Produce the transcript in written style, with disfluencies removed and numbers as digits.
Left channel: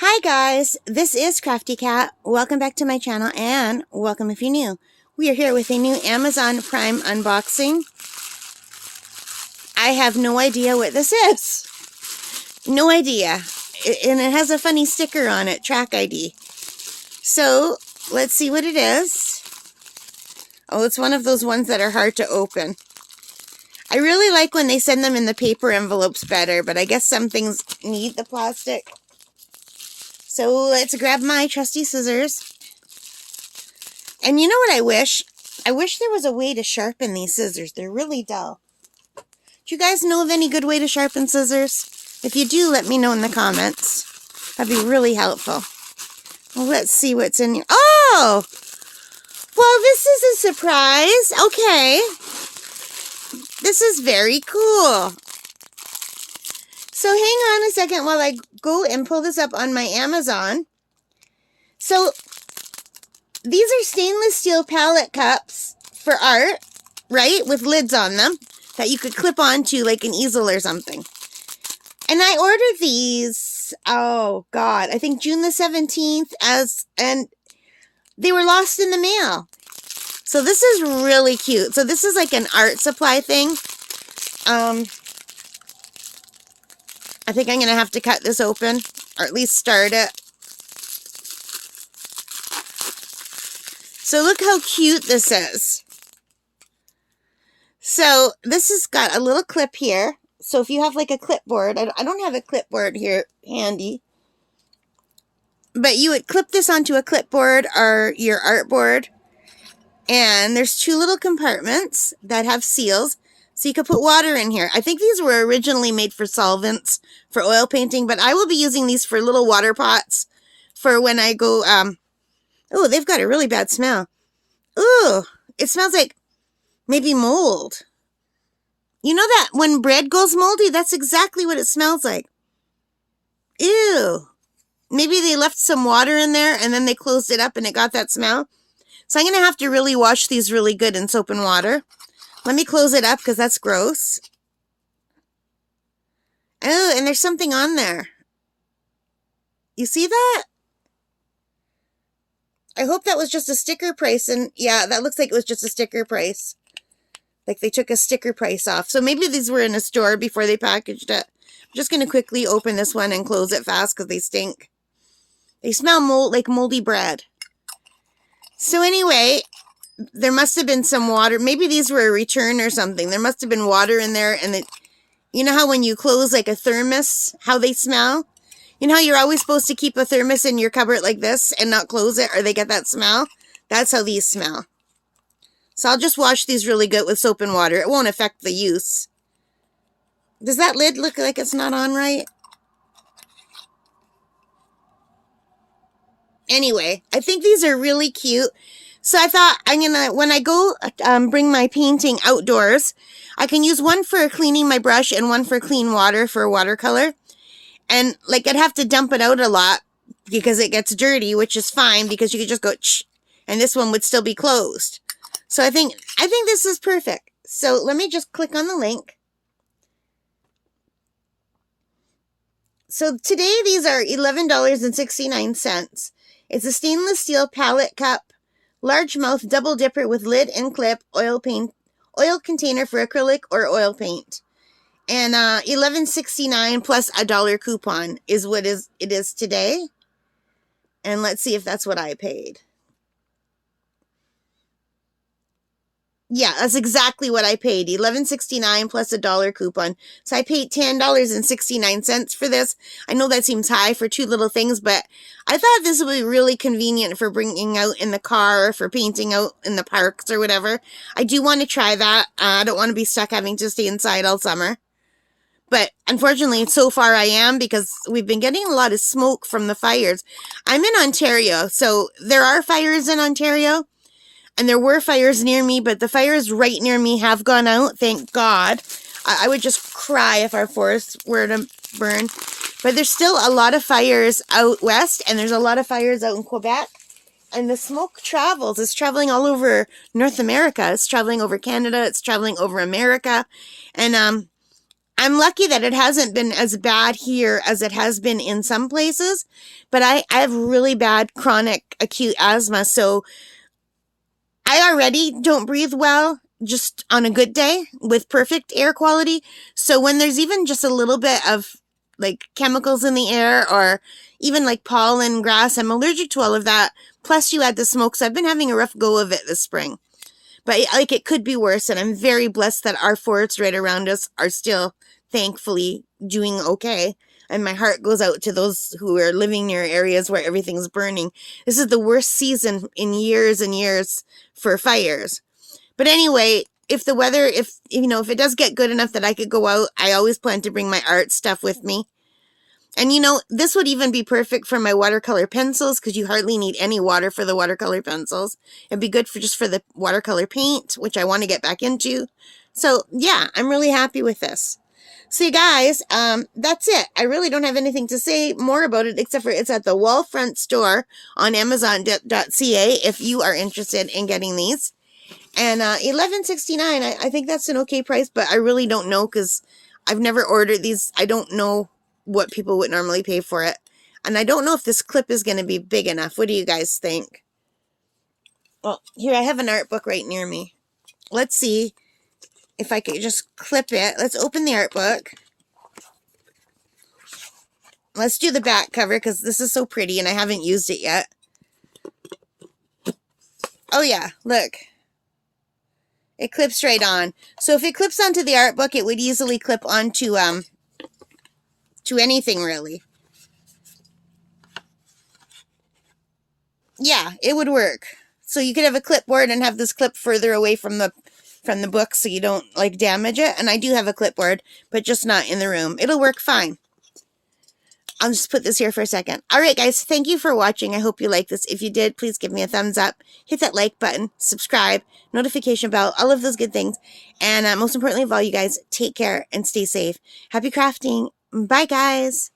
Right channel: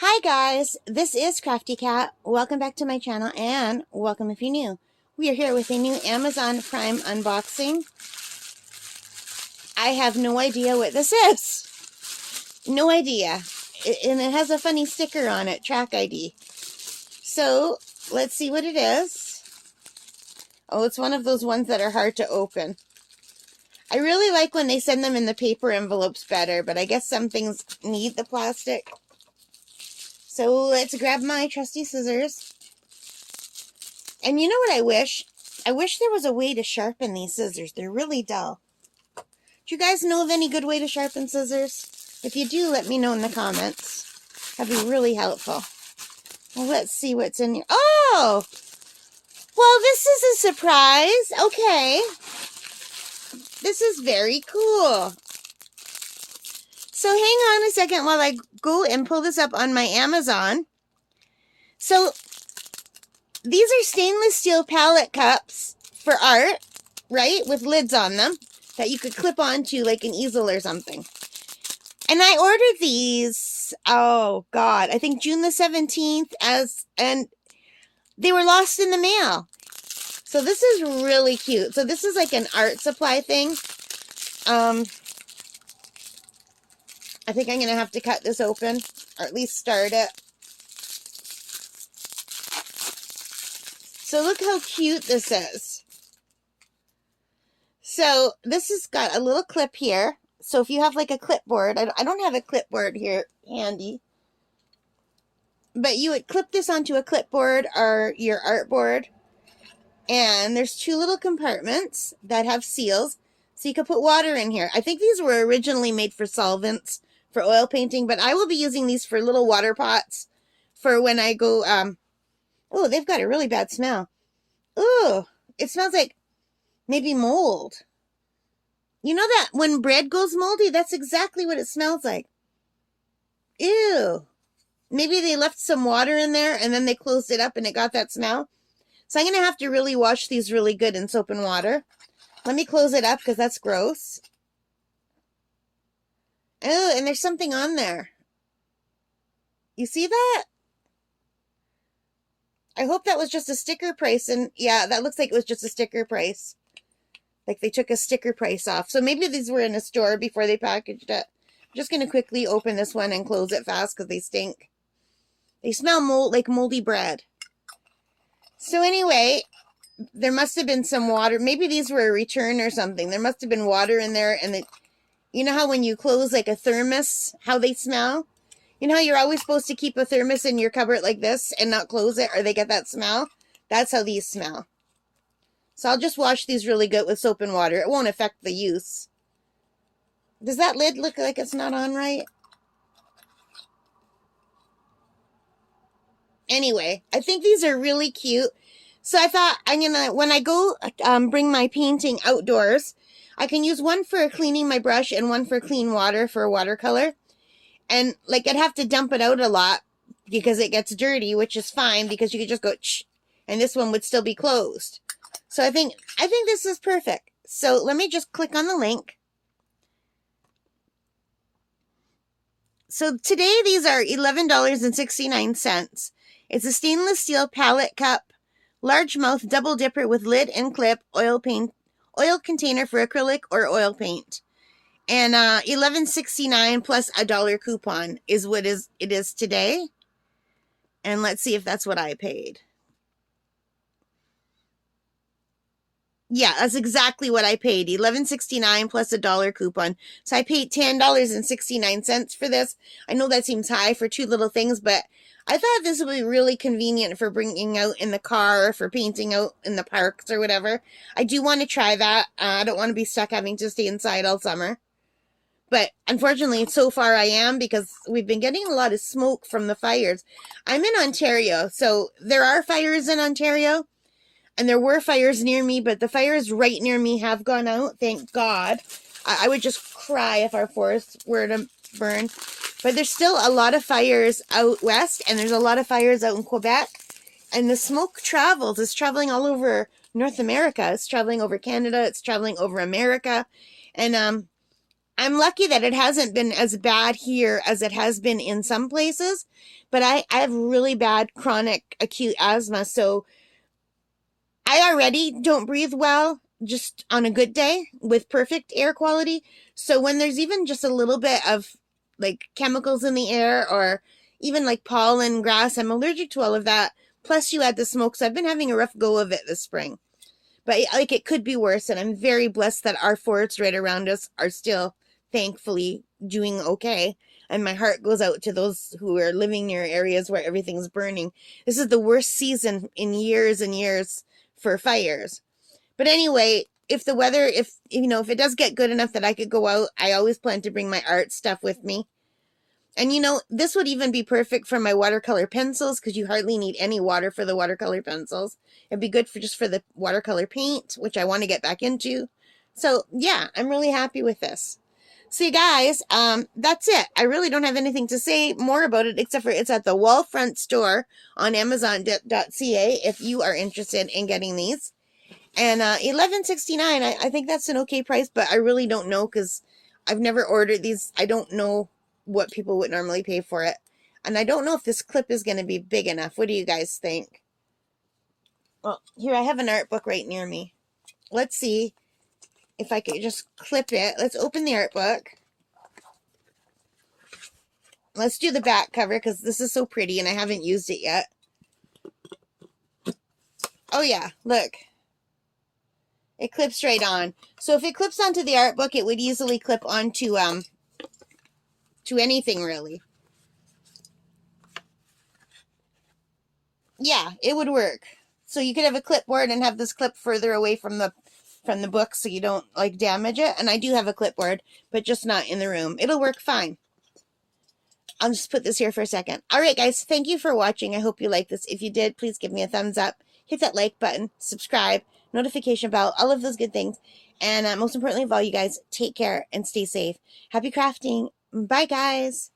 Hi guys, this is Crafty Cat. Welcome back to my channel and welcome if you're new. We are here with a new Amazon Prime unboxing. I have no idea what this is. No idea. And it has a funny sticker on it, track ID. So let's see what it is. Oh, it's one of those ones that are hard to open. I really like when they send them in the paper envelopes better, but I guess some things need the plastic. So let's grab my trusty scissors. And you know what I wish? I wish there was a way to sharpen these scissors. They're really dull. Do you guys know of any good way to sharpen scissors? If you do, let me know in the comments. That'd be really helpful. Well, let's see what's in here. Oh! Well, this is a surprise. Okay. This is very cool. So hang on a second while I go and pull this up on my Amazon. So these are stainless steel palette cups for art, right? With lids on them that you could clip onto like an easel or something. And I ordered these, oh God, I think June the 17th and they were lost in the mail. So this is really cute. So this is like an art supply thing. I think I'm going to have to cut this open, or at least start it. So look how cute this is. So this has got a little clip here. So if you have like a clipboard, I don't have a clipboard here handy, but you would clip this onto a clipboard or your artboard. And there's two little compartments that have seals. So you could put water in here. I think these were originally made for solvents, for oil painting, but I will be using these for little water pots for when I go, oh, they've got a really bad smell. Ooh, it smells like maybe mold. You know that when bread goes moldy, that's exactly what it smells like. Ew. Maybe they left some water in there and then they closed it up and it got that smell. So I'm going to have to really wash these really good in soap and water. Let me close it up because that's gross. Oh, and there's something on there. You see that? I hope that was just a sticker price. And yeah, that looks like it was just a sticker price. Like they took a sticker price off. So maybe these were in a store before they packaged it. I'm just going to quickly open this one and close it fast because they stink. They smell like moldy bread. So anyway, there must have been some water. Maybe these were a return or something. There must have been water in there. And you know how when you close like a thermos, how they smell? You know how you're always supposed to keep a thermos in your cupboard like this and not close it or they get that smell? That's how these smell. So I'll just wash these really good with soap and water. It won't affect the use. Does that lid look like it's not on right? Anyway, I think these are really cute. So I thought when I go bring my painting outdoors, I can use one for cleaning my brush and one for clean water for watercolor. And like I'd have to dump it out a lot because it gets dirty, which is fine because you could just go and this one would still be closed. So I think this is perfect. So let me just click on the link. So today these are $11.69. It's a stainless steel palette cup, large mouth double dipper with lid and clip, oil container for acrylic or oil paint. And $11.69 plus a $1 coupon is what it is today. And let's see if that's what I paid. Yeah, that's exactly what I paid. $11.69 plus a $1 coupon. So I paid $10.69 for this. I know that seems high for two little things, but I thought this would be really convenient for bringing out in the car, for painting out in the parks or whatever. I do want to try that. I don't want to be stuck having to stay inside all summer. But unfortunately, so far I am because we've been getting a lot of smoke from the fires. I'm in Ontario, so there are fires in Ontario. And there were fires near me, but the fires right near me have gone out, thank God. I would just cry if our forests were to burn. But there's still a lot of fires out west, and there's a lot of fires out in Quebec. And the smoke travels. It's traveling all over North America. It's traveling over Canada. It's traveling over America. And I'm lucky that it hasn't been as bad here as it has been in some places, but I have really bad chronic acute asthma, so I already don't breathe well just on a good day with perfect air quality. So when there's even just a little bit of like chemicals in the air or even like pollen, grass, I'm allergic to all of that. Plus you add the smoke, so I've been having a rough go of it this spring. But like it could be worse, and I'm very blessed that our forests right around us are still thankfully doing okay. And my heart goes out to those who are living near areas where everything's burning. This is the worst season in years and years for fires. But anyway, if the weather, if you know, if it does get good enough that I could go out, I always plan to bring my art stuff with me. And you know, this would even be perfect for my watercolor pencils because you hardly need any water for the watercolor pencils. It'd be good for just for the watercolor paint, which I want to get back into. So yeah, I'm really happy with this. So you guys, that's it. I really don't have anything to say more about it except for it's at the Wallfront store on Amazon.ca if you are interested in getting these. And $11.69, I think that's an okay price, but I really don't know because I've never ordered these. I don't know what people would normally pay for it. And I don't know if this clip is going to be big enough. What do you guys think? Well, here I have an art book right near me. Let's see if I could just clip it. Let's open the art book. Let's do the back cover because this is so pretty and I haven't used it yet. Oh yeah, look. It clips right on. So if it clips onto the art book, it would easily clip onto to anything really. Yeah, it would work. So you could have a clipboard and have this clip further away from the book so you don't like damage it. And I do have a clipboard, but just not in the room. It'll work fine. I'll just put this here for a second. All right, guys, thank you for watching. I hope you liked this. If you did, please give me a thumbs up. Hit that like button, subscribe, notification bell, all of those good things. And most importantly of all, you guys, take care and stay safe. Happy crafting. Bye, guys.